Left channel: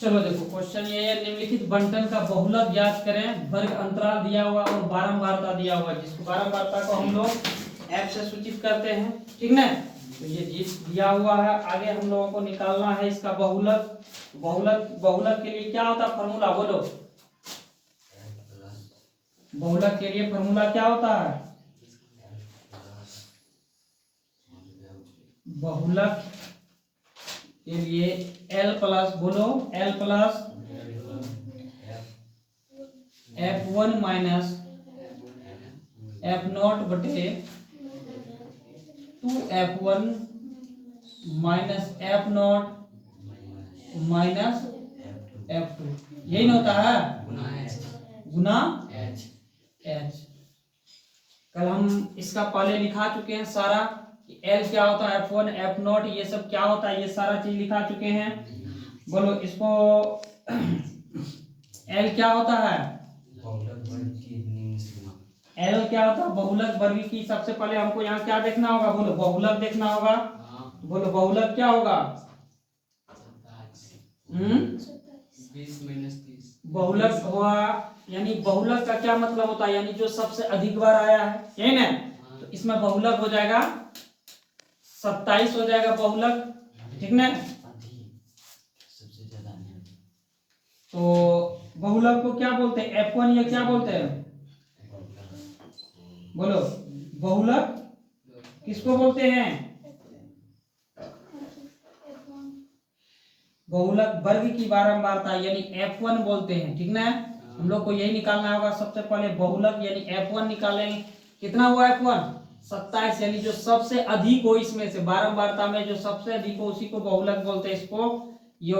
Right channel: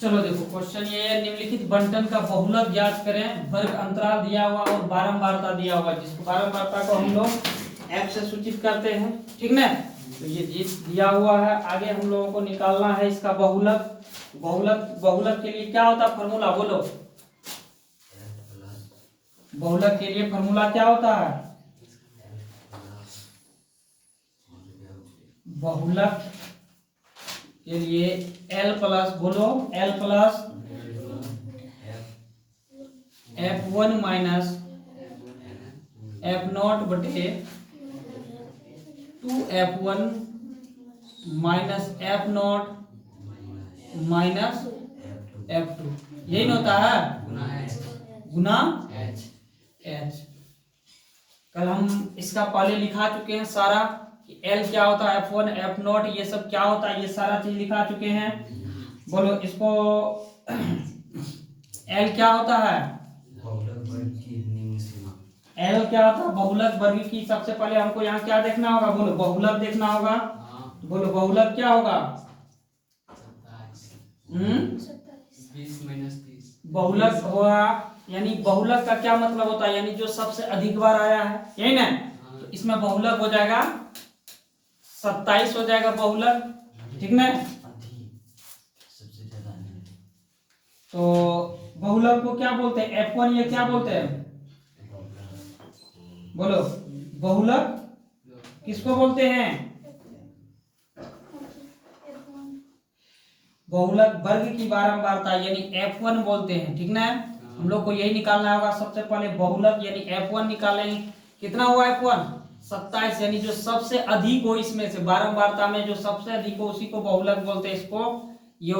चलो देखो क्वेश्चन ये है, निम्नलिखित बंटन का बहुलक ज्ञात करें। वर्ग अंतराल दिया हुआ और बारंबारता दिया हुआ, जिसको बारंबारता को हम लोग एफ से सूचित करते हैं, ठीक ना। तो ये दिया हुआ है, आगे हम लोगों को निकालना है इसका बहुलक। बहुलक के लिए क्या होता है फॉर्मूला, बोलो। बहुलक के लिए फॉर्मूला क्या होता है? बहुलक के लिए L प्लस, बोलो L plus F1 minus F0 बटे 2F1 minus F0 minus F2, यही ना होता है गुना H। कल हम इसका पहले लिखा चुके हैं सारा कि L क्या होता है, F1 F0 ये सब क्या होता है, ये सारा चीज लिखा चुके हैं। बोलो इसको L क्या होता है? L क्या होता है? बहुलक वर्ग की। सबसे पहले हमको यहाँ क्या देखना होगा, बोलो बहुलक देखना होगा। बोलो बहुलक क्या होगा? 20 - 30 बहुलक हुआ, यानी बहुलक का क्या मतलब होता है, यानी जो सबसे अधिक बार आया है, यही ना। तो इसमें बहुलक हो जाएगा 27 हो जाएगा बहुलक, ठीक ना। तो बहुलक को क्या बोलते हैं? F1 ये क्या बोलते हैं, बोलो। बहुलक किसको बोलते हैं? बहुलक वर्ग की बारंबारता यानी F1 बोलते हैं, ठीक ना। हम लोग को यही निकालना होगा सबसे पहले, बहुलक यानी F1 निकालेंगे। कितना हुआ F1? 27, यानी जो सबसे अधिक हो इसमें से बारंबारता में जो सबसे अधिक हो उसी को बहुलक बोलते हैं, इसको ये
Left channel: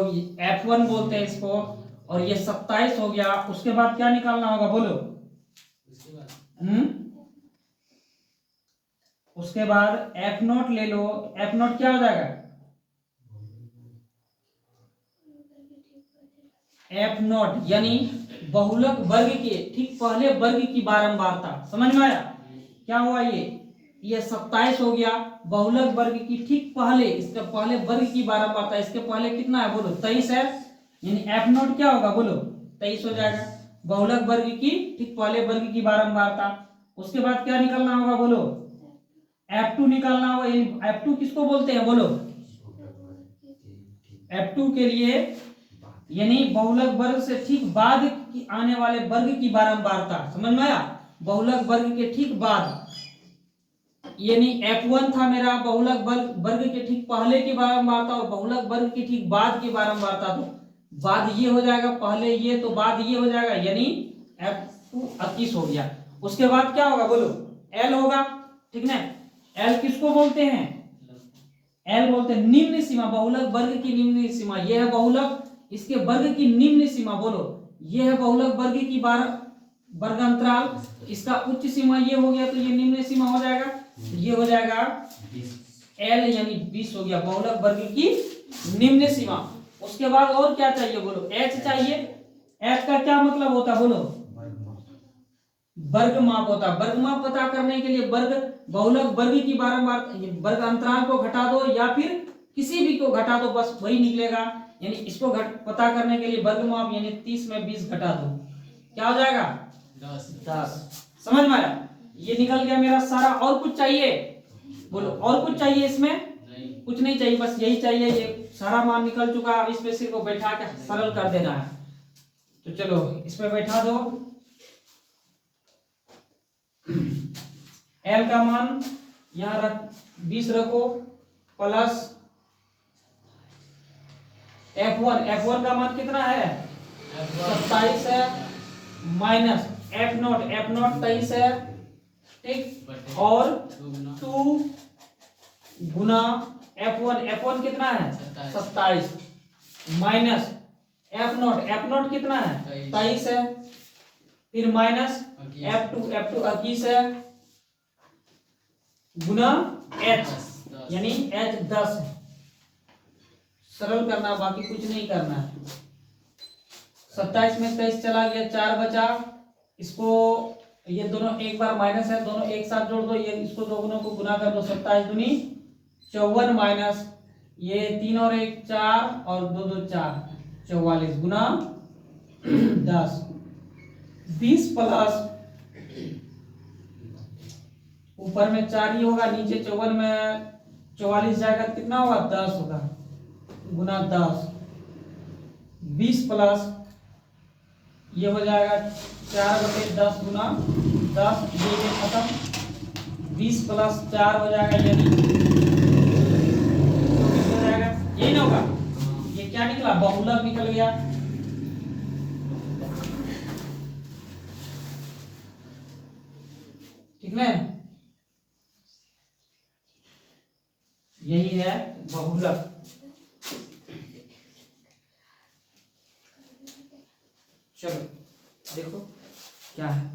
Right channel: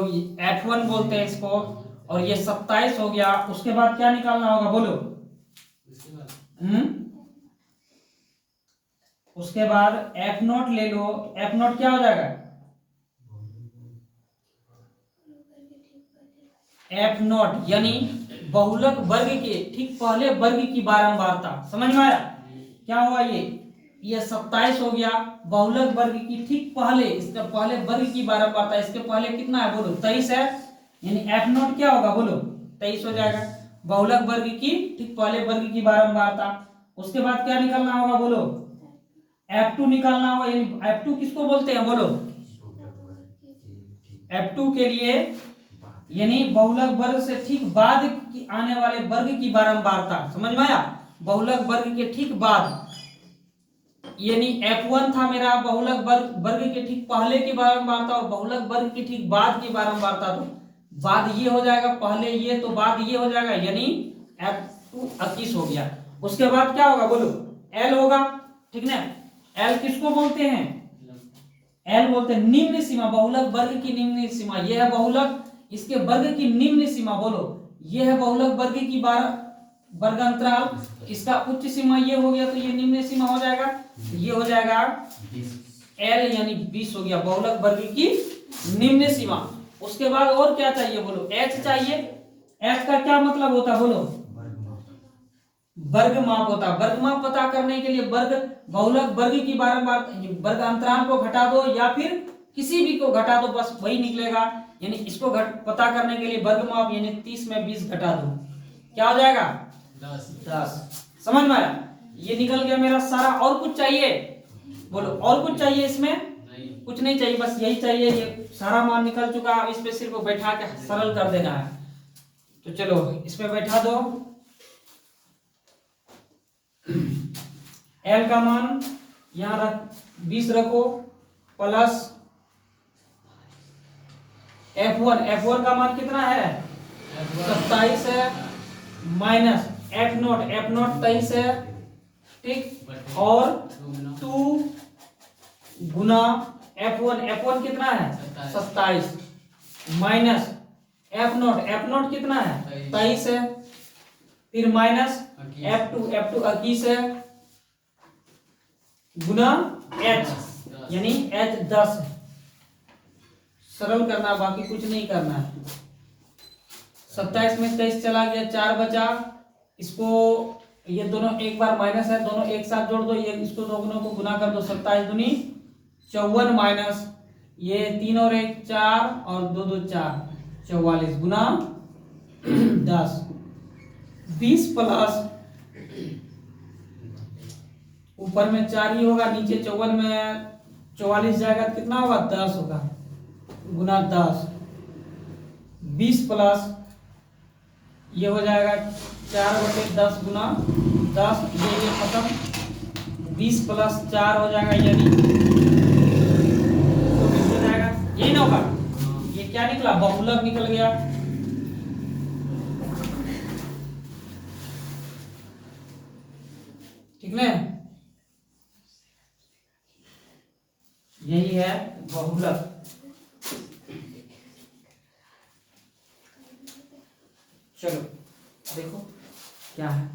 F1 बोलते हैं इसको। और ये 27 हो गया। उसके बाद क्या निकालना होगा, बोलो। उसके बाद F0 ले लो। F0 क्या हो जाएगा? F0 यानी बहुलक वर्ग के ठीक पहले वर्ग की बारंबारता। समझ में आया क्या हुआ? ये 27 हो गया। बहुलक वर्ग की ठीक पहले, इसका पहले वर्ग की बारंबारता, इसके पहले कितना है, बोलो 23 है। यानी F0 क्या होगा, बोलो 23 हो जाएगा। बहुलक वर्ग की ठीक पहले वर्ग की बारंबारता। उसके बाद क्या निकालना होगा, बोलो F2 निकालना होगा। यानी F2 किसको बोलते हैं, बोलो। F2 के लिए यानी बहुलक वर्ग से ठीक बाद की आने वाले वर्ग की बारंबारता। समझ में आया? बहुलक वर्ग के ठीक बाद, यानी F1 था मेरा बहुलक वर्ग के ठीक पहले की बारंबारता और बहुलक वर्ग के ठीक बाद की बारंबारता। तो बाद ये हो जाएगा, पहले ये तो बाद ये हो जाएगा, यानी F2 21 हो गया। उसके बाद क्या होगा, बोलो L होगा, ठीक ना। L किसको बोलते हैं? L बोलते हैं निम्न सीमा, बहुलक वर्ग की निम्न सीमा। यह है बहुलक, इसके वर्ग की निम्न सीमा, बोलो यह है बहुलक वर्ग की वर्ग अंतराल। इसका उच्च सीमा ये हो गया, तो ये निम्न सीमा हो जाएगा, ये हो जाएगा L यानी 20 हो गया बहुलक वर्ग की निम्न सीमा। उसके बाद और क्या चाहिए, बोलो H चाहिए। H का क्या मतलब होता है, बोलो वर्ग माप होता है। वर्ग माप पता करने के लिए वर्ग बहुलक वर्ग की बारंबार वर्ग अंतराल को घटा दो या फिर किसी भी को घटा दो, बस वही निकलेगा। यानी इसको पता करने के लिए वर्ग माप यानी 30 में 20 घटा दो, क्या हो जाएगा 10। समझ में आया? ये निकल गया मेरा सारा। और कुछ चाहिए, बोलो और कुछ चाहिए इसमें? कुछ नहीं चाहिए, बस यही चाहिए। ये सारा मान निकल चुका है। अब इस पे सिर्फ बैठा के सरल कर देना है। तो चलो इस पे बैठा दो। L का मान यहाँ रख 20 रखो, प्लस F1 का मान कितना है 27 है, माइनस F0 23 है, ठीक। और 2 गुना F1 कितना है 27, माइनस F0 कितना है 23 है, फिर माइनस F2 21 है, गुना H यानी H 10 है। सरल करना, बाकी कुछ नहीं करना है। 27 में 23 चला गया, 4 बचा। इसको ये दोनों एक बार माइनस है, दोनों एक साथ जोड़ दो, ये इसको दोनों को गुना कर दो। 27 दूनी 54 माइनस ये 3 और 1 4 और 2 2 4, 44 गुना 10, 20 प्लस ऊपर में 4 ही होगा, नीचे 54 में 44 जाएगा तो कितना होगा 10 होगा, गुना 10, 20 प्लस ये हो जाएगा 4/10 गुना 10, ये खत्म, 20 प्लस 4 हो जाएगा यानी 24 हो जाएगा, यही ना होगा। ये क्या निकला, बहुलक निकल गया। ठीक है, यही है बहुलक। चलो देखो क्या है,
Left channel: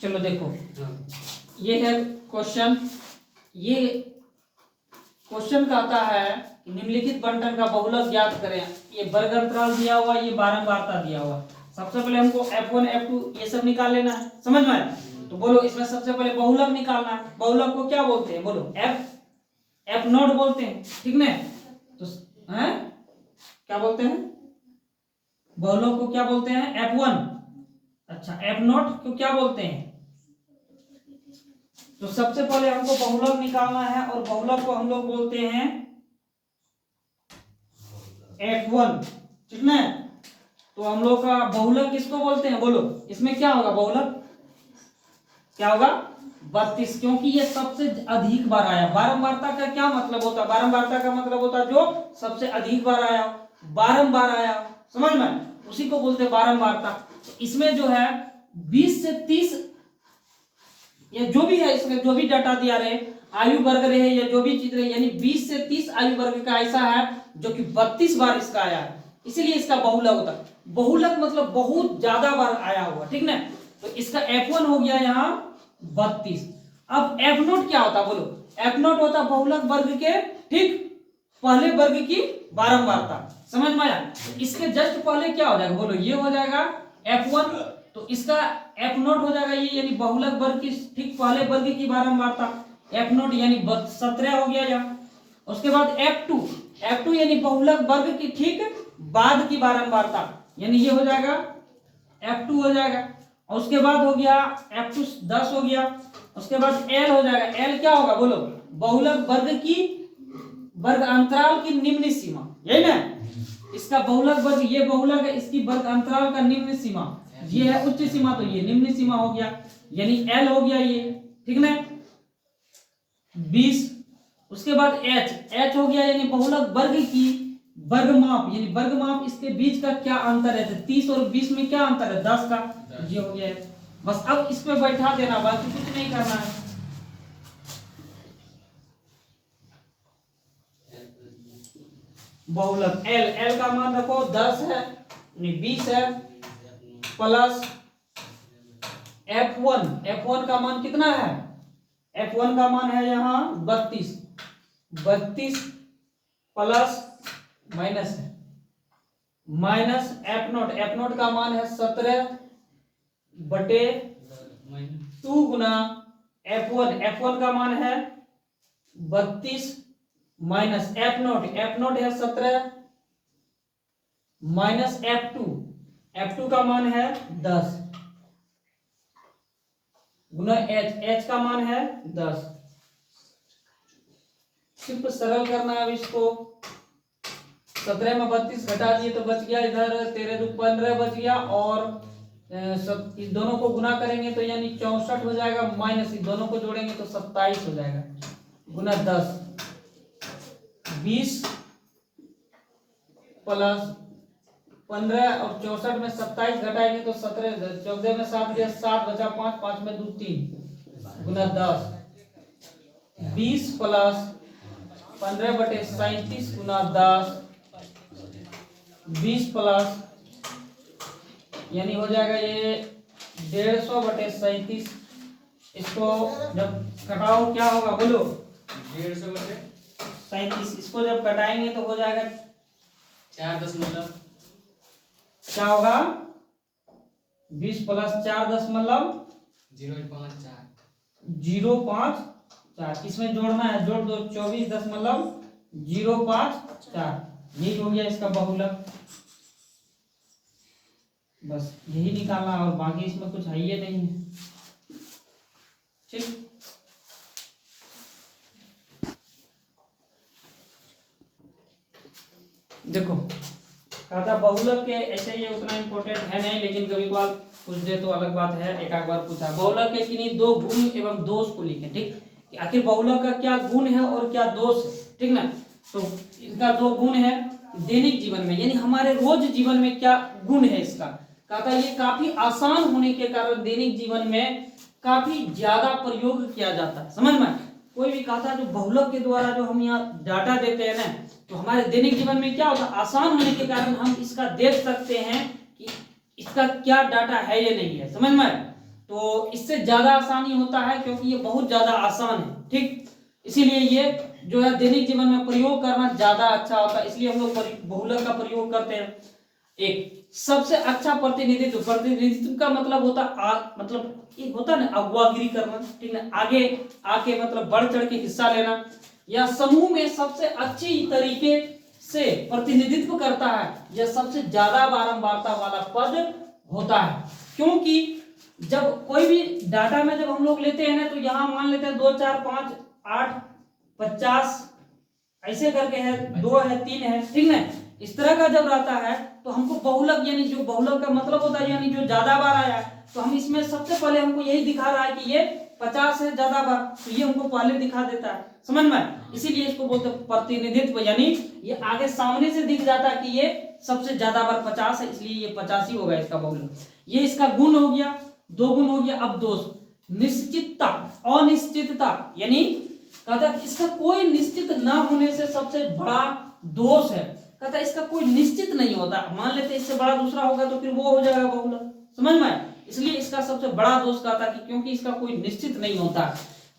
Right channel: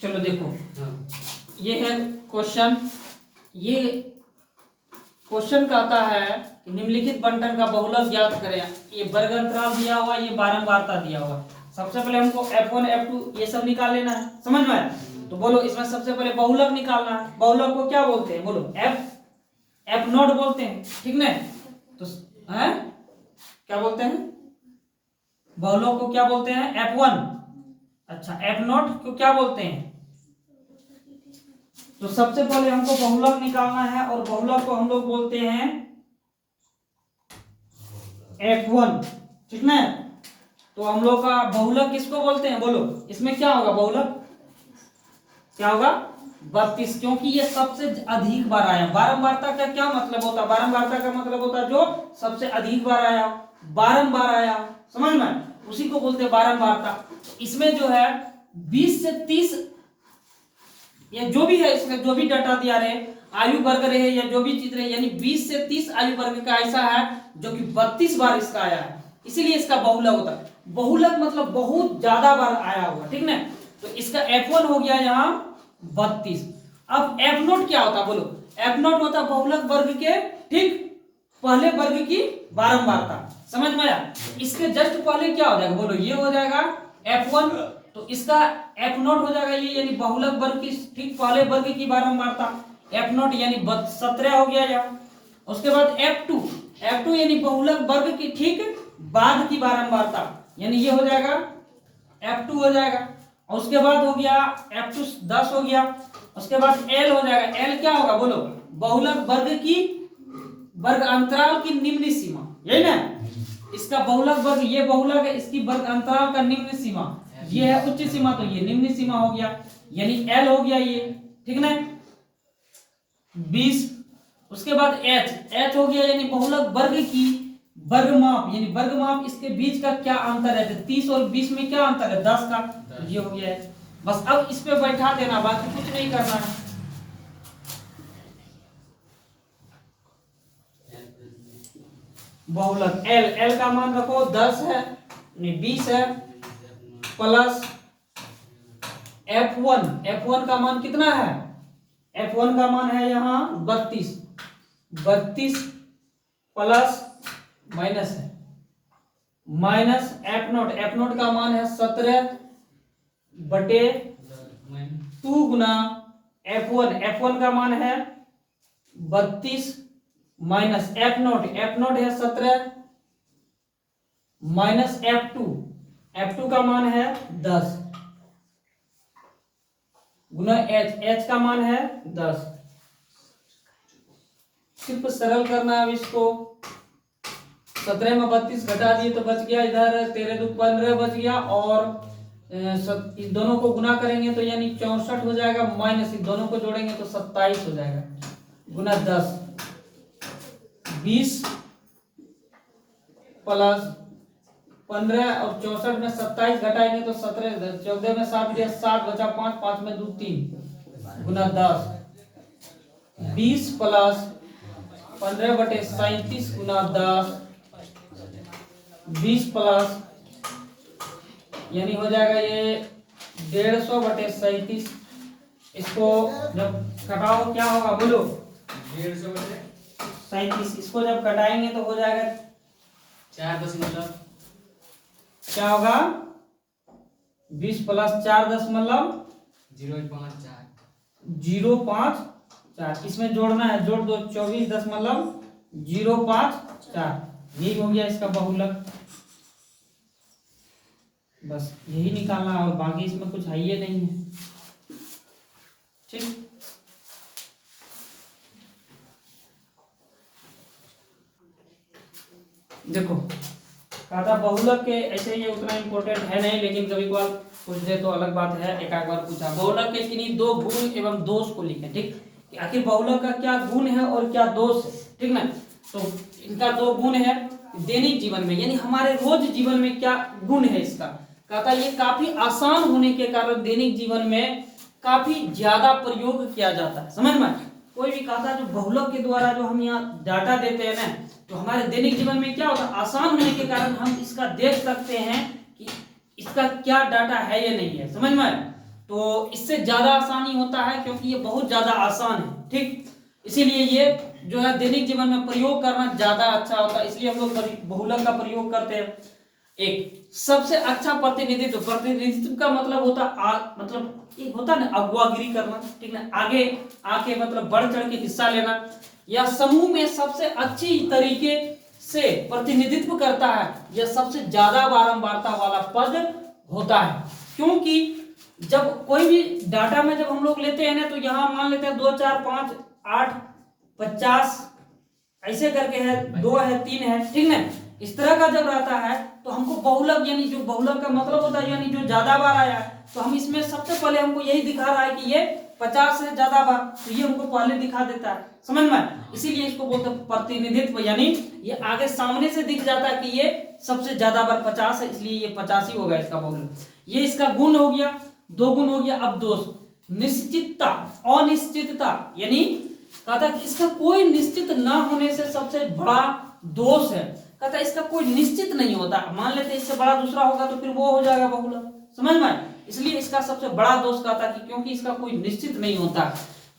चलो देखो ये है क्वेश्चन। ये क्वेश्चन कहता है निम्नलिखित बंटन का बहुलक ज्ञात करें। ये वर्ग अंतराल दिया हुआ, ये बारंबारता दिया हुआ। सबसे पहले हमको F1 F2 ये सब निकाल लेना है, समझ में आया? तो बोलो इसमें सबसे पहले बहुलक निकालना है। बहुलक को क्या बोलते हैं, बोलो F0 बोलते हैं, ठीक ना? तो है क्या बोलते हैं, बहुलक को क्या बोलते हैं, F1। अच्छा, F0 को क्या बोलते हैं? तो सबसे पहले हमको बहुलक निकालना है और बहुलक को हम लोग बोलते हैं F1, ठीक ना? तो हम लोग का बहुलक किसको बोलते हैं, बोलो इसमें क्या होगा, बहुलक क्या होगा 32, क्योंकि ये सबसे अधिक बार आया। बारंबारता का क्या मतलब होता है, बारंबारता का मतलब होता है जो सबसे अधिक बार आया, बारंबार आया, समझ में, उसी को बोलते हैं बारंबारता। तो इसमें जो है 20 से 30 या जो भी है, इसमें जो भी डाटा दिया रहे, आयु वर्ग रहे या जो भी चीज रहे, यानी 20 से 30 आयु वर्ग का ऐसा है जो कि 32 बार इसका आया है, इसीलिए इसका बहुलक होता है। बहुलक मतलब बहुत ज्यादा बार आया हुआ, ठीक ना? तो इसका F1 हो गया यहाँ 32। अब F0 क्या होता है, बोलो F0 होता है बहुलक वर्ग के ठीक पहले वर्ग की बारंबारता, समझ में आया? इसके जस्ट पहले क्या हो जाएगा, बोलो ये हो जाएगा F1, तो इसका F0 हो जाएगा ये, यानी बहुलक वर्ग की ठीक पहले वर्ग की बारंबारता F0 यानी 17 हो गया यहाँ। उसके बाद F2 यानी बहुलक वर्ग की ठीक बाद की बारंबारता, यानी ये हो जाएगा F2 हो जाएगा। और उसके बाद हो गया F2 10 हो गया। उसके बाद L हो जाएगा, L क्या होगा, बोलो बहुलक वर्ग की वर्ग अंतराल की निम्न सीमा, यही ना? इसका बहुलक वर्ग, ये बहुलक है, इसकी वर्ग अंतराल का निम्न सीमा, ये है उच्च सीमा, तो ये निम्न सीमा हो गया, यानी L हो गया ये, ठीक ना? 20। उसके बाद H हो गया, यानी बहुलक वर्ग की वर्ग माप, यानी वर्ग माप, इसके बीच का क्या अंतर है, 30 और 20 में क्या अंतर है, 10 का, ये हो गया है। बस अब इस पे बैठा देना, बाकी कुछ नहीं करना है। बहुलक L का मान रखो 10 है, 20 है, प्लस F1 का मान कितना है, F1 का मान है यहाँ 32 प्लस माइनस है, माइनस F0 का मान है 17/2 गुना F1 का मान है 32 माइनस F0 है 17 माइनस F2 का मान है 10 गुना H का मान है 10। सिर्फ सरल करना है अब इसको। 17 में 32 घटा दिए तो बच गया इधर 13 2 15 बच गया, और इस दोनों को गुना करेंगे तो यानी 64 हो जाएगा, माइनस इस दोनों को जोड़ेंगे तो 27 हो जाएगा, गुना 10, 20 प्लस 15 और 64 में 27 घटाएंगे तो 17, 14 में 7 गया 7 बचा 5, 5 में 2 3 गुना 10, 20 प्लस 15/37 गुना 10, 20 प्लस यानी हो जाएगा ये 150/37। इसको जब घटाओ क्या होगा, बोलो 150/37। इसको जब घटाएंगे तो हो जाएगा 4 क्या होगा, 20 प्लस 4 0.54 4, इसमें जोड़ना है, जोड़ दो 24.054, यही हो गया इसका बहुलक। बस यही निकालना और बाकी इसमें कुछ है ही नहीं है। ठीक, देखो कहा था बहुलक के, ऐसे ये उतना इम्पोर्टेंट है नहीं, लेकिन कभी कभार पूछ दे तो अलग बात है। एक बार पूछा बहुलक के किन्हीं दो गुण एवं दोष को लिखें। ठीक, कि आखिर बहुलक का क्या गुण है और क्या दोष है। ठीक ना, तो इनका दो गुण है दैनिक जीवन में, यानी हमारे रोज जीवन में क्या गुण है इसका। कहा था ये काफी आसान होने के कारण दैनिक जीवन में काफी ज्यादा प्रयोग किया जाता है। समझ में, कोई भी कहा था जो बहुलक के द्वारा जो हम यहाँ डाटा देते हैं ना, तो हमारे दैनिक जीवन में क्या होता है, आसान होने के कारण हम इसका देख सकते हैं कि इसका क्या डाटा है या नहीं है। समझ में, तो इससे ज्यादा आसानी होता है क्योंकि ये बहुत ज्यादा आसान है। ठीक, इसीलिए ये जो है दैनिक जीवन में प्रयोग करना ज्यादा अच्छा होता है, इसलिए हम लोग बहुलक का प्रयोग करते हैं। एक सबसे अच्छा प्रतिनिधित्व, प्रतिनिधित्व का मतलब होता मतलब एक होता ना अगुवागिरी करना। ठीक ना, आगे आके मतलब बढ़ चढ़ के हिस्सा लेना, या समूह में सबसे अच्छी तरीके से प्रतिनिधित्व करता है, यह सबसे ज्यादा बारंबारता वाला पद होता है। क्योंकि जब कोई भी डाटा में जब हम लोग लेते हैं ना, तो यहाँ मान लेते हैं 2, 4, 5, 8, 50 ऐसे करके है, 2 है, 3 है। ठीक ना, इस तरह का जब रहता है तो हमको बहुलक, यानी जो बहुलक का मतलब होता है यानी जो ज्यादा बार आया है, तो हम इसमें सबसे पहले हमको यही दिखा रहा है कि ये 50 है ज्यादा बार, तो ये हमको पहले दिखा देता है। समझ में, इसीलिए इसको बोलते हैं प्रतिनिधित्व, यानी ये आगे सामने से दिख जाता है कि ये सबसे ज्यादा बार 50 है, इसलिए ये 50 ही होगा इसका बहुलक। ये इसका गुण हो गया, दो गुण हो गया। अब दोष, निश्चितता, अनिश्चितता, यानी कहता कि इसका कोई निश्चित ना होने से सबसे बड़ा दोष है। कहता इसका कोई निश्चित नहीं होता, मान लेते इससे बड़ा दूसरा होगा तो फिर वो हो जाएगा बहुलक। समझ में, इसलिए इसका सबसे बड़ा दोष कहता कि क्योंकि इसका कोई निश्चित नहीं होता।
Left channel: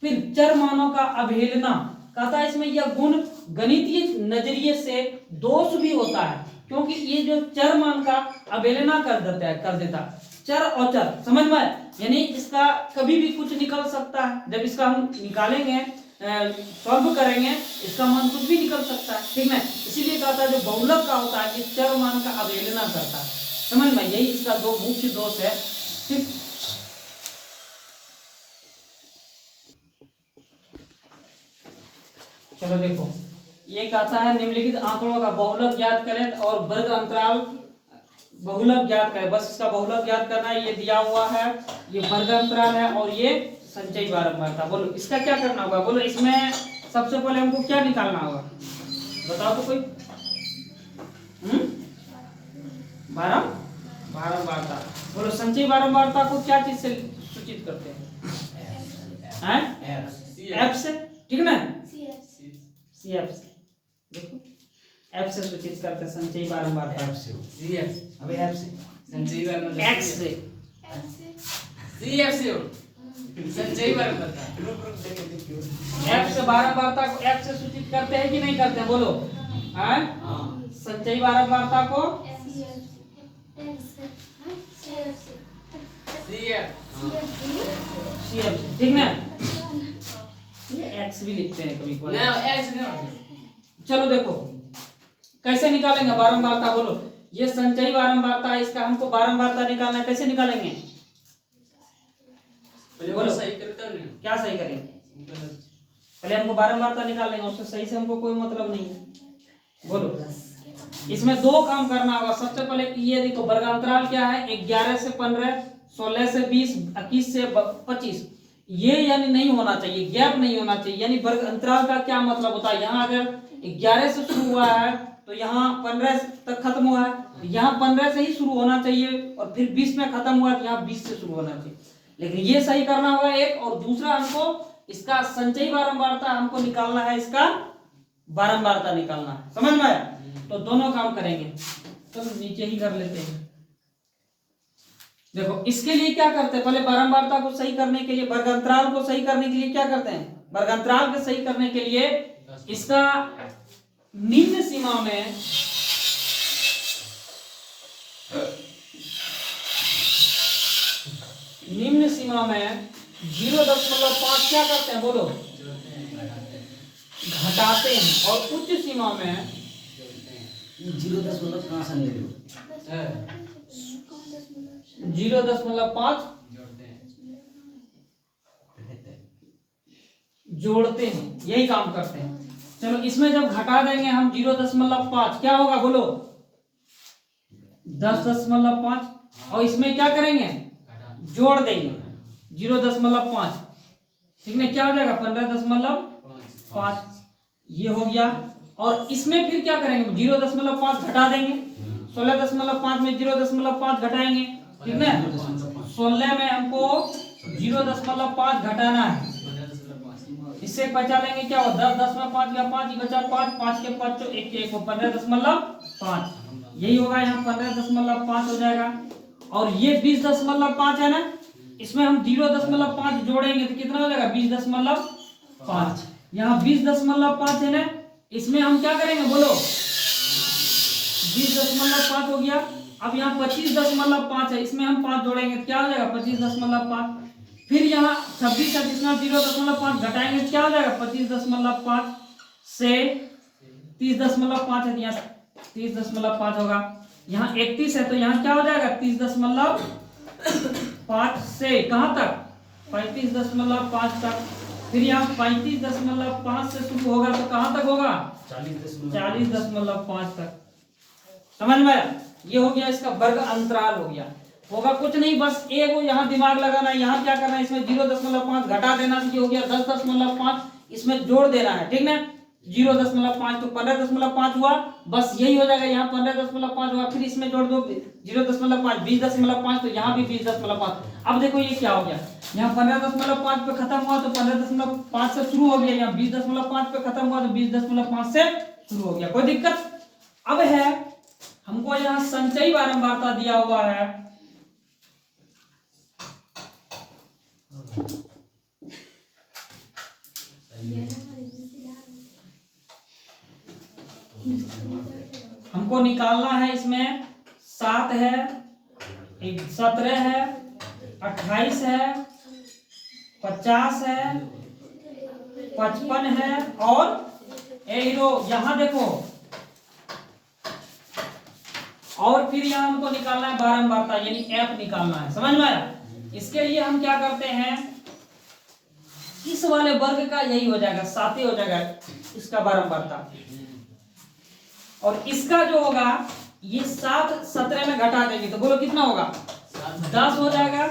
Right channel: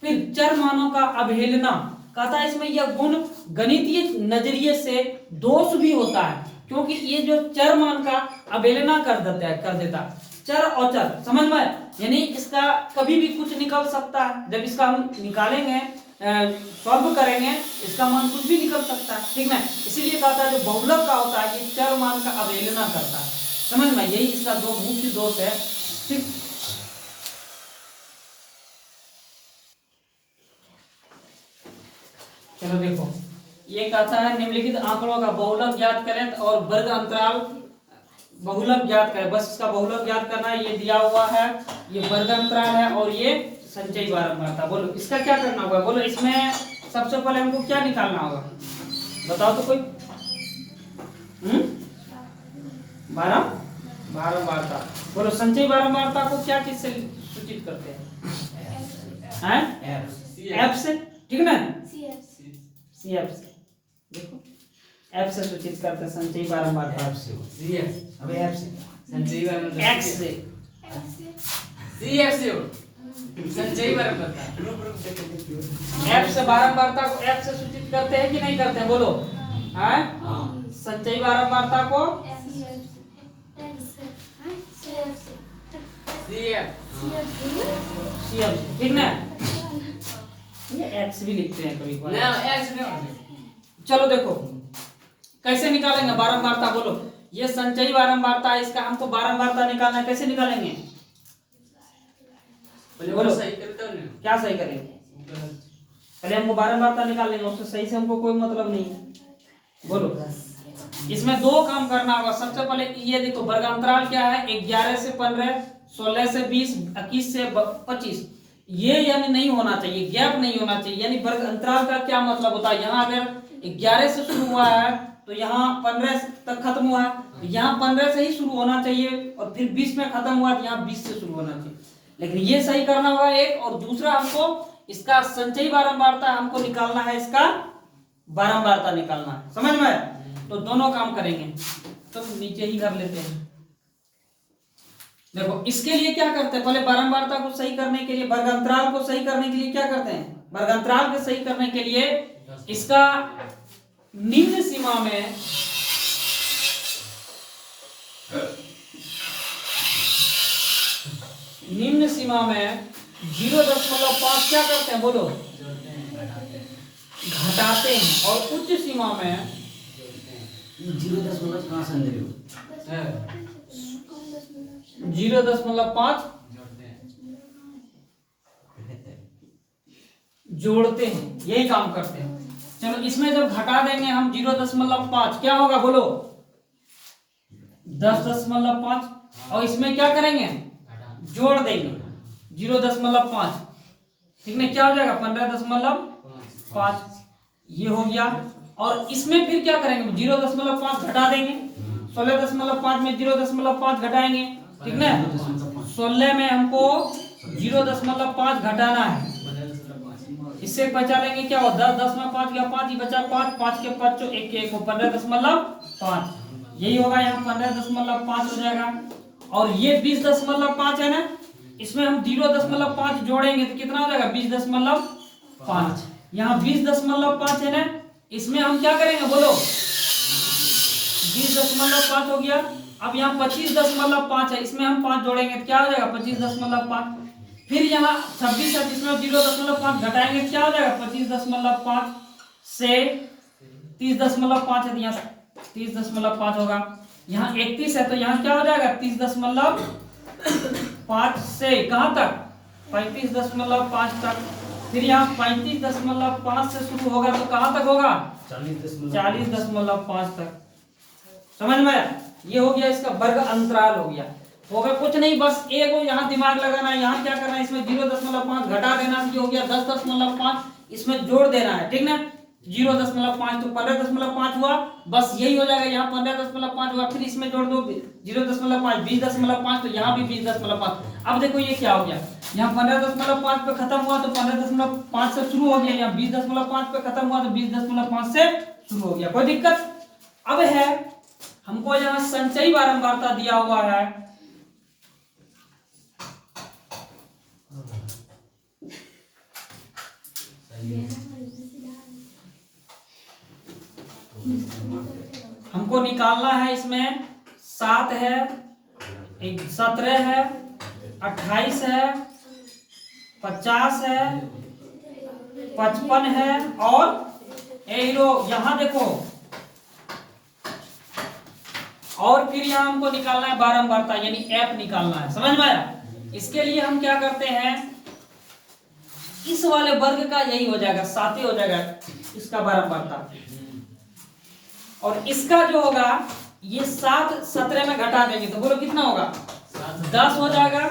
फिर चर मानों का अवहेलना, कहता है इसमें यह गुण गणितीय नजरिए से दोष भी होता है, क्योंकि ये जो चर मान का अवहेलना कर देता चर और चर। समझ में, यानी इसका कभी भी कुछ निकल सकता है, जब इसका हम निकालेंगे सॉल्व करेंगे, इसका मान कुछ भी निकल सकता है। ठीक है, इसीलिए कहता है जो बहुलक का होता है ये चर मान का अवहेलना करता है। समझ में, यही इसका दो मुख्य दोष है। ठीक, चलो देखो, ये कहता है निम्नलिखित आंकड़ों का बहुलक ज्ञात करें और वर्ग अंतराल बहुलक ज्ञात करें। बस इसका बहुलक ज्ञात करना है, ये दिया हुआ है, ये वर्ग अंतराल है और ये संचयी बारंबारता। बोलो इसका क्या करना होगा, बोलो इसमें सबसे पहले हमको क्या निकालना होगा, बताओ तो कोई। बारंबारता, बोलो संचयी बारंबारता को क्या चीज से सूचित करते हैं? एफ से। ठीक है ना, सी एफ से, देखो एफ से सूचित करते हैं संचयी बारंबारता। अबे एफ से संचयी बारंबारता, एक्स से सी एफ से संचयी बारंबारता, एफ से बारंबारता को एफ से सूचित करते हैं कि नहीं करते हैं, बोलो। संचयी बारंबारता को सीएफ, ठीक ना, ये एक्स भी लिखते हैं कभी कभी। चलो देखो कैसे निकालेंगे बारंबारता, बोलो। ये संचयी बारंबारता है, इसका हमको बारंबारता निकालना, कैसे निकालेंगे? बोलो सही करते हो, क्या सही करेंगे? पहले हमको बारंबारता निकालेंगे, उससे सही से हमको कोई मतलब नहीं है। बोलो, इसमें दो काम करना होगा। सबसे पहले ये देखो वर्गांतराल क्या है, 11 से 15, 16 से 20, 21 से 25, ये यानी नहीं होना चाहिए, गैप नहीं होना चाहिए। यानी वर्ग अंतराल का क्या मतलब होता है, यहाँ अगर 11 से शुरू हुआ है तो यहाँ 15 तक खत्म हुआ है, यहाँ 15 से ही शुरू होना चाहिए और फिर 20 में खत्म हुआ तो यहाँ 20 से शुरू होना चाहिए। लेकिन ये सही करना होगा एक, और दूसरा हमको इसका संचयी बारंबारता हमको निकालना है, इसका बारंबारता निकालना है। समझ में, तो दोनों काम करेंगे। तो नीचे ही कर लेते हैं। देखो इसके लिए क्या करते हैं, पहले बारंबारता को सही करने के लिए, वर्गांतराल को सही करने के लिए क्या करते हैं, वर्गांतराल को सही करने के लिए इसका निम्न सीमा में निम्न सीमा में 0.5 क्या करते हैं, बोलो घटाते हैं और उच्च सीमा में 0.5 कहाँ से ले रहे हो? 0.5 जोड़ते हैं, यही काम करते हैं। चलो इसमें जब घटा देंगे हम 0.5, क्या होगा बोलो? 10.5। और इसमें क्या करेंगे? जोड़ देंगे 0.5, ठीक है, क्या हो जाएगा? 15.5। ये हो गया। और इसमें फिर क्या करेंगे? 0.5 घटा देंगे। 16.5 में 0.5 घटाएंगे, ठीक है। 16 में हमको 0.5 घटाना है। इससे बचा लेंगे क्या हो? 10, 10 में 5 गया, 5 ही बचा, 5, 5 के 5 जो 1 1 को 15.5, यही होगा। यहाँ 15.5 हो जाएगा। और ये 20.5 है ना, इसमें हम 0.5 जोड़ेंगे तो कितना हो जाएगा? 20.5। यहाँ 20.5 है ना, इसमें हम क्या करेंगे बोलो? 20.5 हो गया। अब यहाँ 25.5 है, इसमें हम 5 जोड़ेंगे तो क्या हो जाएगा? 25.5। फिर यहाँ 26 है, जिसमें 0.5 घटाएंगे क्या हो जाएगा? 25.5 से 30.5 है, यहाँ 30.5 होगा। यहाँ 31 है तो यहाँ क्या हो जाएगा? 30.5 से कहाँ तक? 35.5 तक। फिर यहाँ 35.5 से शुरू होगा तो कहाँ तक होगा? 40.5 तक। समझ में आया? ये हो गया इसका वर्ग अंतराल हो गया। होगा कुछ नहीं, बस एक वो यहाँ दिमाग लगाना है। यहाँ क्या करना है? इसमें 0.5 घटा देना, ये हो गया 10.5, इसमें जोड़ देना है, ठीक ना। 0.5 तो 15.5 हुआ, बस यही हो जाएगा। यहाँ 15.5 हुआ, फिर इसमें जोड़ दो 0.5, 20.5, तो यहाँ भी 20.5। अब देखो ये क्या हो गया? यहाँ 15.5 पे खत्म हुआ तो 15.5 से शुरू हो गया। यहाँ 20.5 पे खत्म हुआ तो 20.5 से शुरू हो गया। कोई दिक्कत? अब है हमको यहाँ संचयी बारंबारता दिया हुआ है। हमको निकालना है। इसमें 7 है, 17 है, 28 है, 50 है, 55 है और यहाँ देखो। और फिर यहाँ हमको निकालना है बारंबारता, यानी एफ निकालना है। समझ में आया? इसके लिए हम क्या करते हैं? इस वाले वर्ग का यही हो जाएगा, 7 हो जाएगा इसका बारंबारता। और इसका जो होगा ये 7 17 में घटा देंगे तो बोलो कितना होगा? 10 हो जाएगा।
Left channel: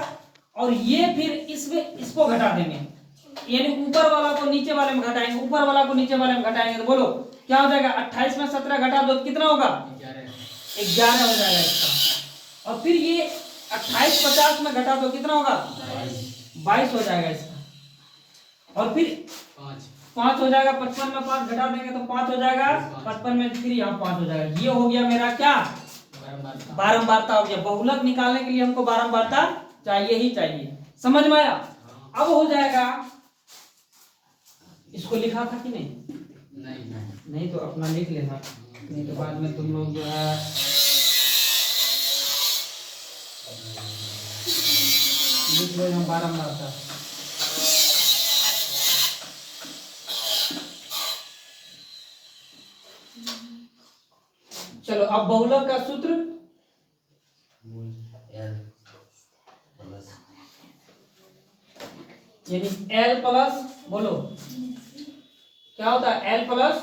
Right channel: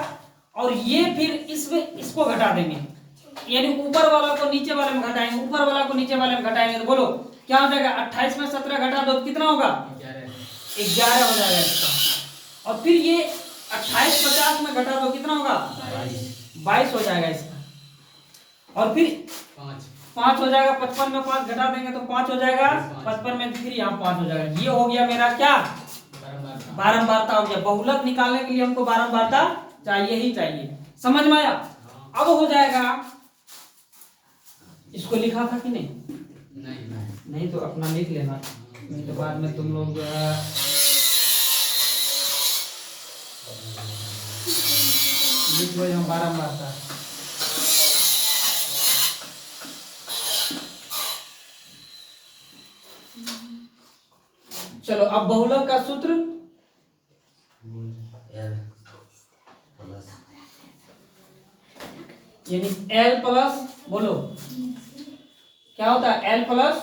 और ये फिर इसमें इसको घटा देंगे, यानी ऊपर वाला को नीचे वाले में घटाएंगे, ऊपर वाला को नीचे वाले में घटाएंगे तो बोलो क्या हो जाएगा? 28 में 17 घटा दो तो कितना होगा? 11 हो जाएगा इसका। और फिर ये 28 50 में घटा दो कितना होगा? 22 हो जाएगा इसका। और फिर 5 हो जाएगा। 55 में 5 घटा देंगे तो 5 हो जाएगा। 55 में फिर यहाँ 5 हो जाएगा। ये हो गया मेरा क्या? बारंबारता हो गया। बहुलक निकालने के लिए हमको बारंबारता चाहिए ही चाहिए। समझ में आया? अब हो जाएगा। इसको लिखा था कि नहीं? नहीं तो अपना लिख लेना, नहीं तो बाद में तुम लोग लिख लो यहाँ बारंबारता। चलो अब बहुलक का सूत्र यानी L प्लस, बोलो क्या होता है? L plus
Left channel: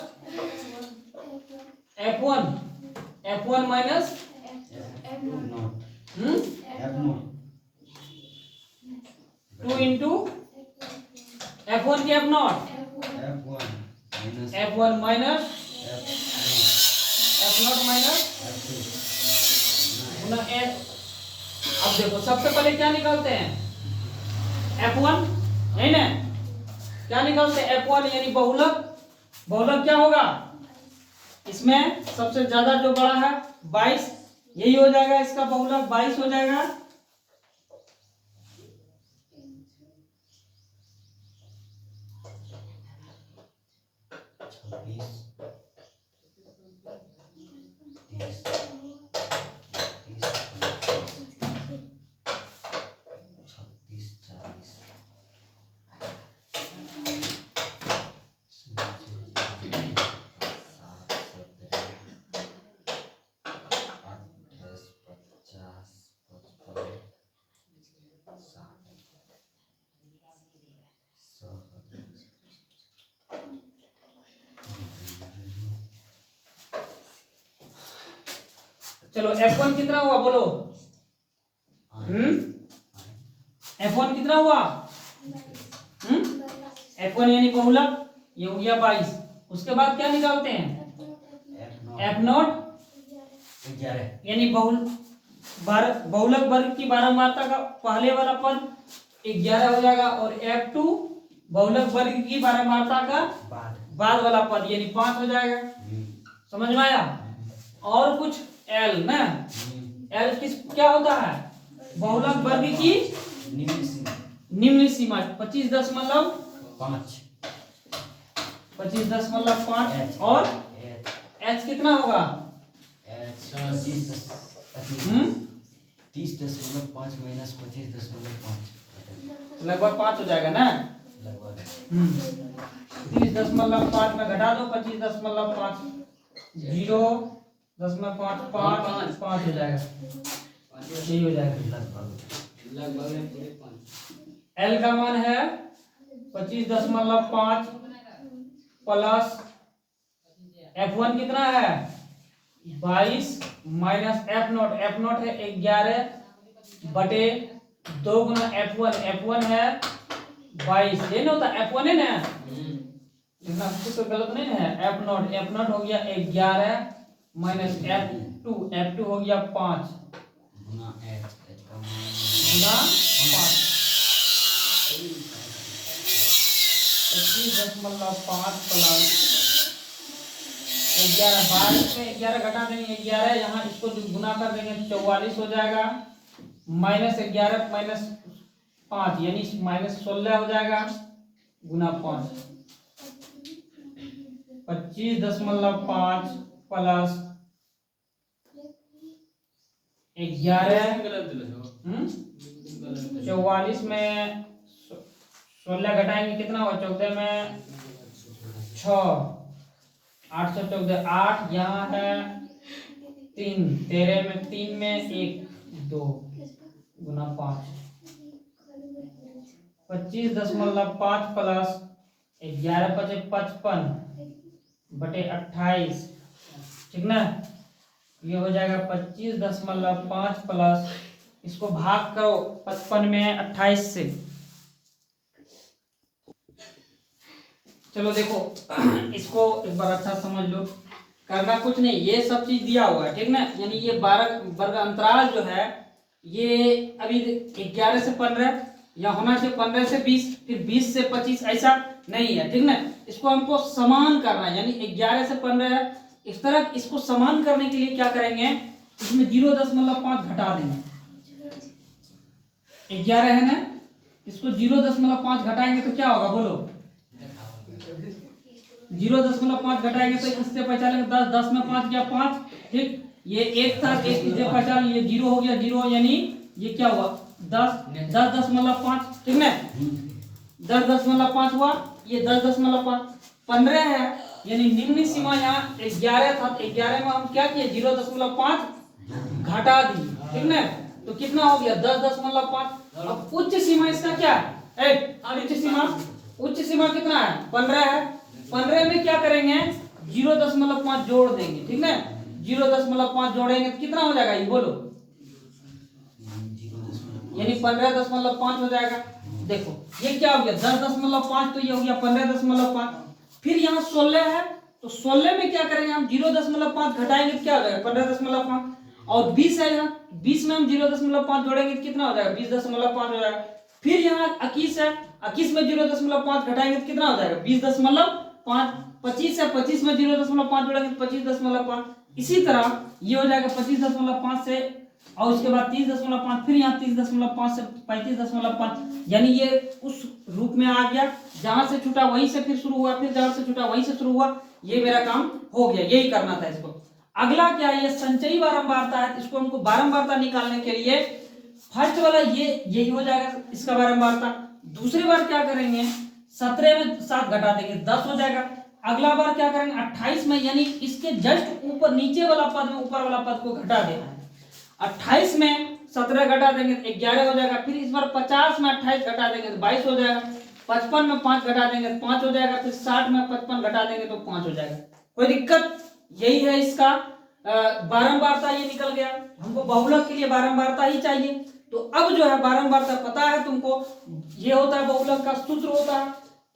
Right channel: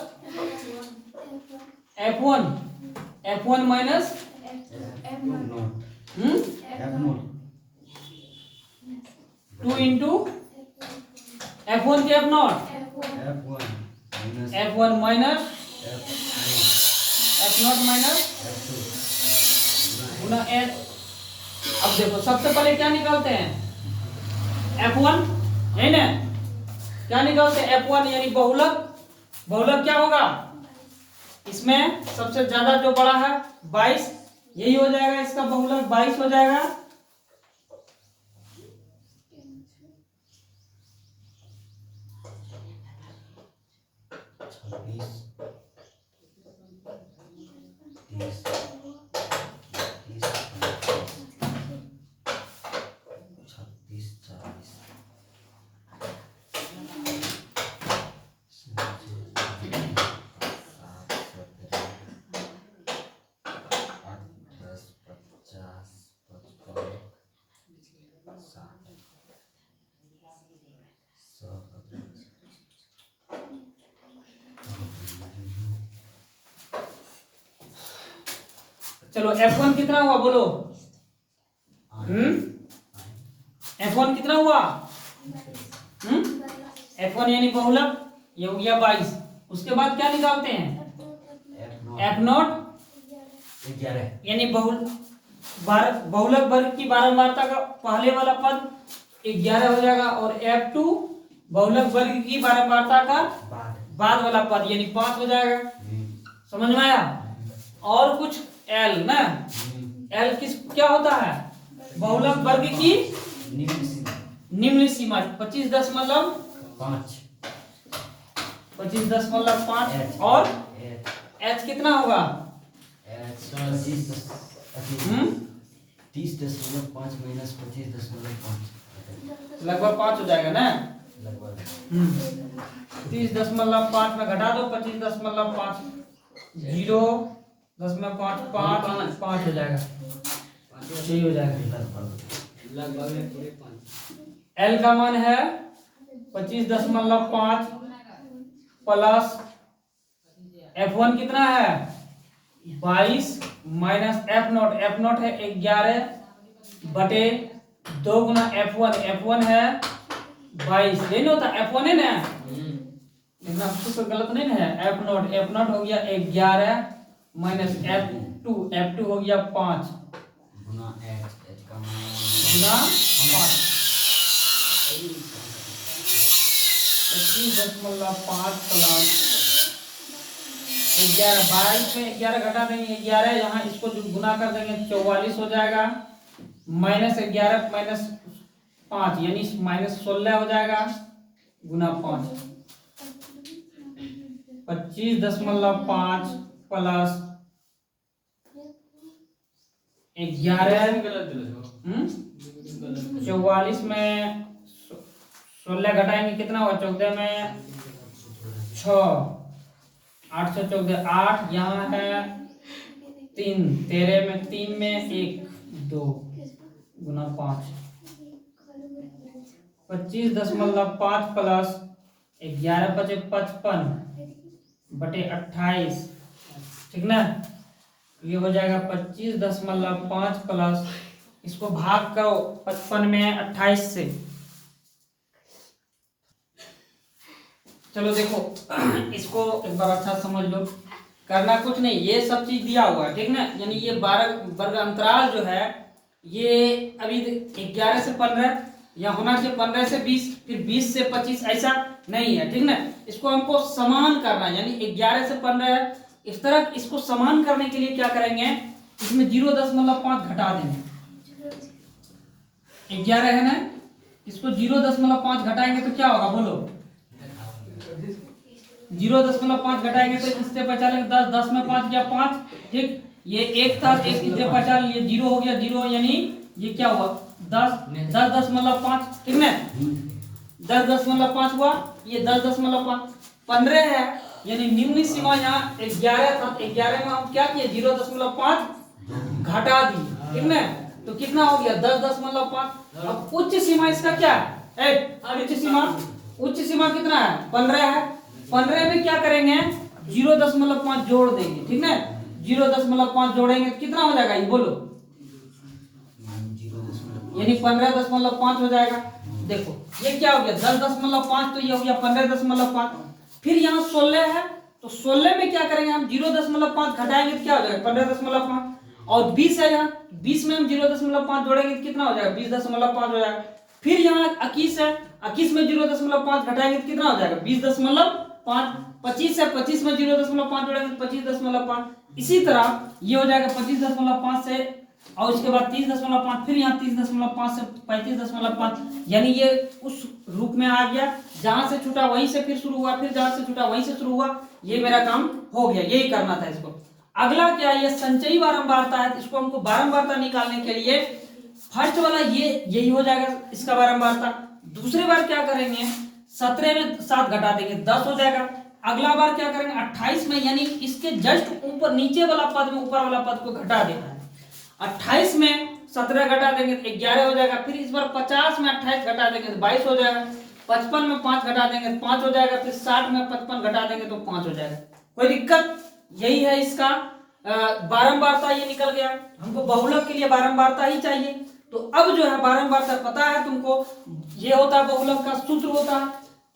F1 minus two into F1 के F0, F1 minus F0 minus गुना S। अब देखो सबसे पहले क्या निकालते हैं? F1 है ना, क्या निकालते हैं? F1 यानी बहुलक। बहुलक क्या होगा? इसमें सबसे ज्यादा जो बड़ा है 22, यही हो जाएगा इसका बहुलक, 22 हो जाएगा। चलो F1 कितना हुआ बोलो। F1 कितना हुआ? F1 यानी बहुलक, ये हो गया 22। उसके बाद क्या निकालते हैं? F0 यानी बहुलक वर्ग की बारंबारता का पहले वाला पद 11 हो जाएगा, और F2 बहुलक वर्ग की बारंबारता का बाद वाला पद यानी 5 हो जाएगा। समझ में आया? और कुछ L ना, L क्या होता है? बहुलक वर्ग की निम्न सीमा 25.5 और H कितना होगा? 30.5 माइनस 25.5 लगभग 5 हो जाएगा ना। लगभग 30.5 में घटा दो 25.5, 0.5 हो जाएगा, यही हो जाएगा। L का मान है 25.5 प्लस F1 कितना है? 22 माइनस F0 है 11 बटे 2 गुना F1 है 22, ये नहीं होता F1 है ना, इतना कुछ तो गलत नहीं ना है। F0 हो गया 11 माइनस F2 हो गया 5 गुना H का मान गुना 5 25.5 प्लस 11, 22 में 11 घटा देंगे 11, यहाँ इसको जो गुना कर देंगे 44 हो जाएगा, माइनस 11 माइनस 5 यानी माइनस 16 हो जाएगा गुना 5। 25.5 प्लस 11 44 में 16 घटाएंगे कितना हुआ? 14 में 6 814 8, यहाँ है 3, 13 में 3 में 1 2 गुना 5। 25.5 प्लस 11 बचे 55 बटे 28, ठीक ना। ये हो जाएगा 25.5 प्लस, इसको भाग करो 55 में 28 से। चलो देखो इसको एक बार अच्छा समझ लो, करना कुछ नहीं, ये सब चीज दिया हुआ है, ठीक ना। यानी ये 12 वर्ग अंतराल जो है ये अभी 11 से 15 या होना से 15 से 20 फिर 20 से 25 ऐसा नहीं है, ठीक ना। इसको हमको समान करना है, यानी 11 से 15 इस तरह इसको समान करने के लिए क्या करेंगे, इसमें 0.5 घटा देंगे। 11 है ना, इसको 0.5 घटाएंगे तो क्या होगा बोलो? 0.5 घटाएंगे तो इससे पहचानेंगे 10, 10 में 5 गया 5, ठीक। ये 1 था, 1 इससे पहचान लिए 0 हो गया 0, यानी ये क्या हुआ 10.5, ठीक है। 10.5 हुआ, ये 10.5 15 है, यानी निम्न सीमा यहाँ 11 था, 11 में हम क्या किए 0.5 घटा दिए, ठीक ना। तो कितना हो गया 10.5। अब उच्च सीमा इसका क्या है? उच्च सीमा कितना है? 15 है। 15 में क्या करेंगे 0.5 जोड़ देंगे, ठीक ना। 0.5 जोड़ेंगे तो कितना हो जाएगा ये बोलो? यानी 15.5 हो जाएगा। देखो ये क्या हो गया 10.5, तो ये हो गया 15.5। फिर यहाँ 16 है, तो 16 में क्या करेंगे हम 0.5 घटाएंगे तो क्या हो जाएगा 15.5। और 20 है, यहाँ 20 में हम 0.5 जोड़ेंगे तो कितना हो जाएगा 20.5 हो जाएगा। फिर यहाँ 21 है, 21 में 0.5 घटाएंगे तो कितना हो जाएगा 20.5। 25 है, 25 में 0.5 जोड़ेंगे तो 25.5। इसी तरह ये हो जाएगा 25.5 से, और उसके बाद 30.5, फिर यहाँ 30.5 से 35.5, यानी ये उस रूप में आ गया, जहां से छूटा वहीं से फिर शुरू हुआ, फिर जहां से छूटा वहीं से शुरू हुआ। ये मेरा काम हो गया, यही करना था इसको। अगला क्या है, ये संचयी बारंबारता है, इसको हमको बारंबारता निकालने के लिए फर्स्ट वाला यही हो जाएगा इसका बारंबारता। दूसरी बार क्या करेंगे 17 में 7 घटा देंगे 10 हो जाएगा। अगला बार क्या करेंगे 28 में, यानी इसके जस्ट ऊपर नीचे वाला पद में ऊपर वाला पद को घटा देना है। 28 में 17 घटा देंगे तो 11 हो जाएगा। फिर इस बार 50 में 28 घटा देंगे तो 22 हो जाएगा। 55 में 5 घटा देंगे तो 5 हो जाएगा। फिर 60 में 55 घटा देंगे तो 5 हो जाएगा। कोई दिक्कत? यही है इसका बारंबारता ये निकल गया, हमको बहुलक के लिए बारंबारता ही चाहिए। तो अब जो है बारंबारता पता है तुमको, ये होता है बहुलक का सूत्र होता है।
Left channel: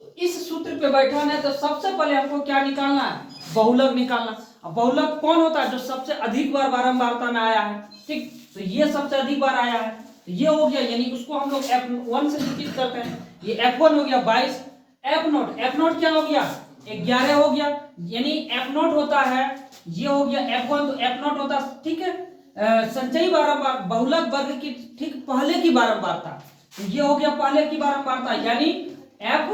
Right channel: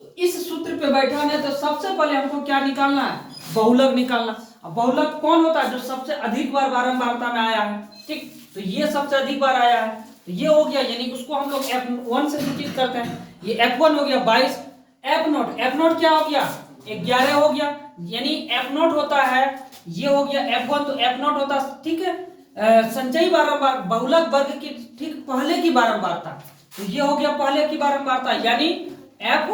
तो इस सूत्र पे बैठाना है तो सबसे पहले हमको क्या निकालना है, बहुलक निकालना। अब बहुलक कौन होता है, जो सबसे अधिक बार बारंबारता में आया है, ठीक। तो ये सबसे अधिक बार आया है, तो ये हो गया, यानी उसको हम लोग F1 से सूचित करते हैं। ये F1 हो गया 22, F0 क्या हो गया 11 हो गया, यानी F0 होता है, ये हो गया F1, तो F0 होता है, ठीक है, संचयी बारंबार बहुलक वर्ग की ठीक पहले की बारंबारता। तो ये हो गया पहले की बारंबारता, यानी F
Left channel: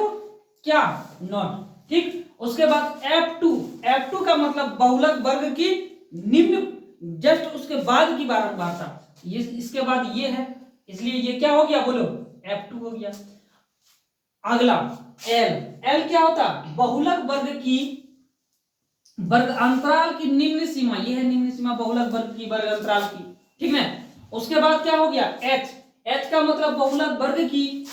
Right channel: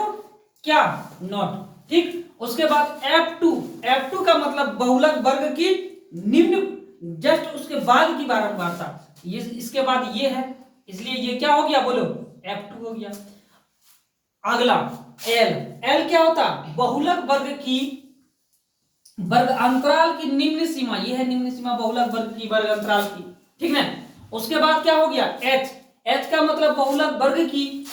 क्या नॉट, ठीक। उसके बाद F2 का मतलब बहुलक वर्ग की निम्न जस्ट उसके बाद की बारंबारता, ये इसके बाद ये है, इसलिए ये क्या हो गया बोलो F2 हो गया। अगला L क्या होता, बहुलक वर्ग की वर्ग अंतराल की निम्न सीमा, ये है निम्न सीमा बहुलक वर्ग की वर्ग अंतराल की, ठीक ना। उसके बाद क्या हो गया H का मतलब बहुलक वर्ग की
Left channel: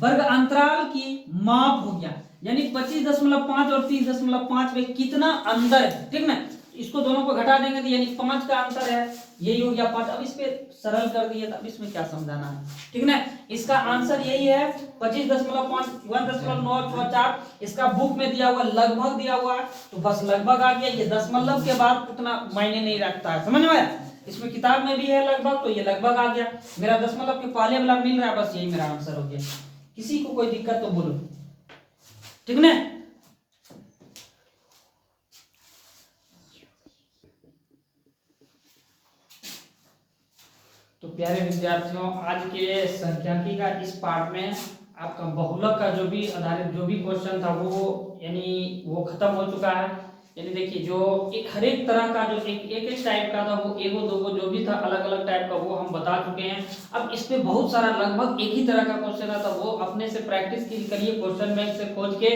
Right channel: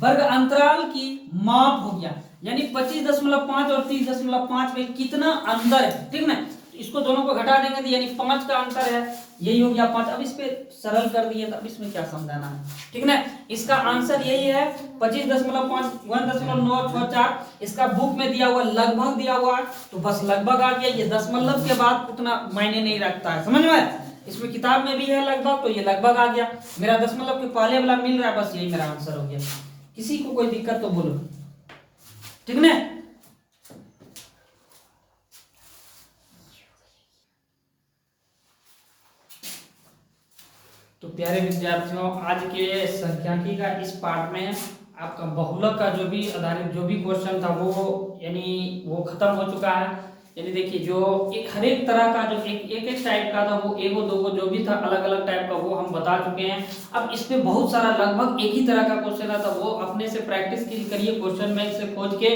वर्ग अंतराल की माप हो गया, यानी 25.5 और 30.5 में कितना अंतर है, ठीक ना। इसको दोनों को घटा देंगे तो यानी 5 का अंतर है, यही हो गया 5। अब इस पे सरल कर दिए तो अब इसमें क्या समझाना है, ठीक ना। इसका आंसर यही है 25.5 1.964। इसका बुक में दिया हुआ लगभग दिया हुआ है, तो बस लगभग आ गया, ये दशमलव के बाद उतना मायने नहीं रखता है, समझ में। इसमें किताब में भी है लगभग, तो ये लगभग आ गया, मेरा दशमलव के पहले वाला मिल रहा है, बस यही मेरा आंसर हो गया। किसी को कोई दिक्कत तो बोलो, ठीक ना। तो प्यारे विद्यार्थियों, आज के सांख्यिकी का इस पार्ट में आपका बहुलक का जो भी आधारित जो भी क्वेश्चन था वो यानी वो खत्म हो चुका है। यानी देखिए जो एक हर एक तरह का जो एक टाइप का था वो एगो दोगो जो भी था अलग अलग टाइप का वो हम बता चुके हैं। अब इस पे बहुत सारा लगभग एक ही तरह का क्वेश्चन आता वो अपने से प्रैक्टिस करिए, क्वेश्चन बैंक से खोज के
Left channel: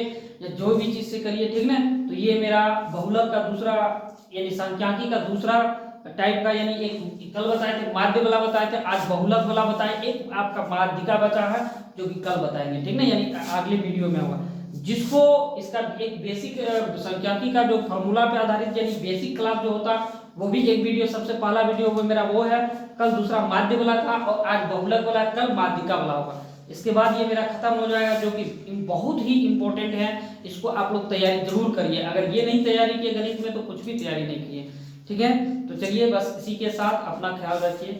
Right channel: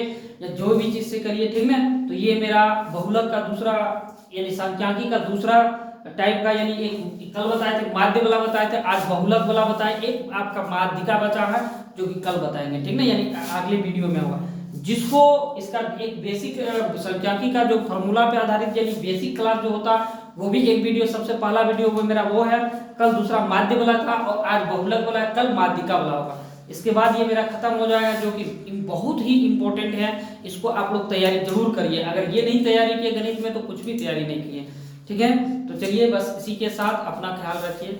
या जो भी चीज से करिए, ठीक ना। तो ये मेरा बहुलक का दूसरा यानी सांख्यिकी का दूसरा टाइप का, यानी एक कल बताए थे माध्य वाला बताए थे, आज बहुलक वाला बताए, एक आपका माध्यिका बचा है जो कि कल बताएंगे, ठीक ना, यानी अगले वीडियो में होगा। जिसको इसका एक बेसिक सांख्यिकी का जो फॉर्मूला पे आधारित यानी बेसिक क्लास जो होता वो भी एक वीडियो सबसे पहला वीडियो वो मेरा वो है, कल दूसरा माध्य वाला था और आज बहुलक वाला है, कल माध्यिका वाला होगा। इसके बाद ये मेरा खत्म हो जाएगा, जो कि बहुत ही इंपॉर्टेंट है, इसको आप लोग तैयारी जरूर करिए। अगर ये नहीं तैयारी किए गणित में तो कुछ भी तैयारी नहीं किए, ठीक है। तो चलिए बस इसी के साथ अपना ख्याल रखिए।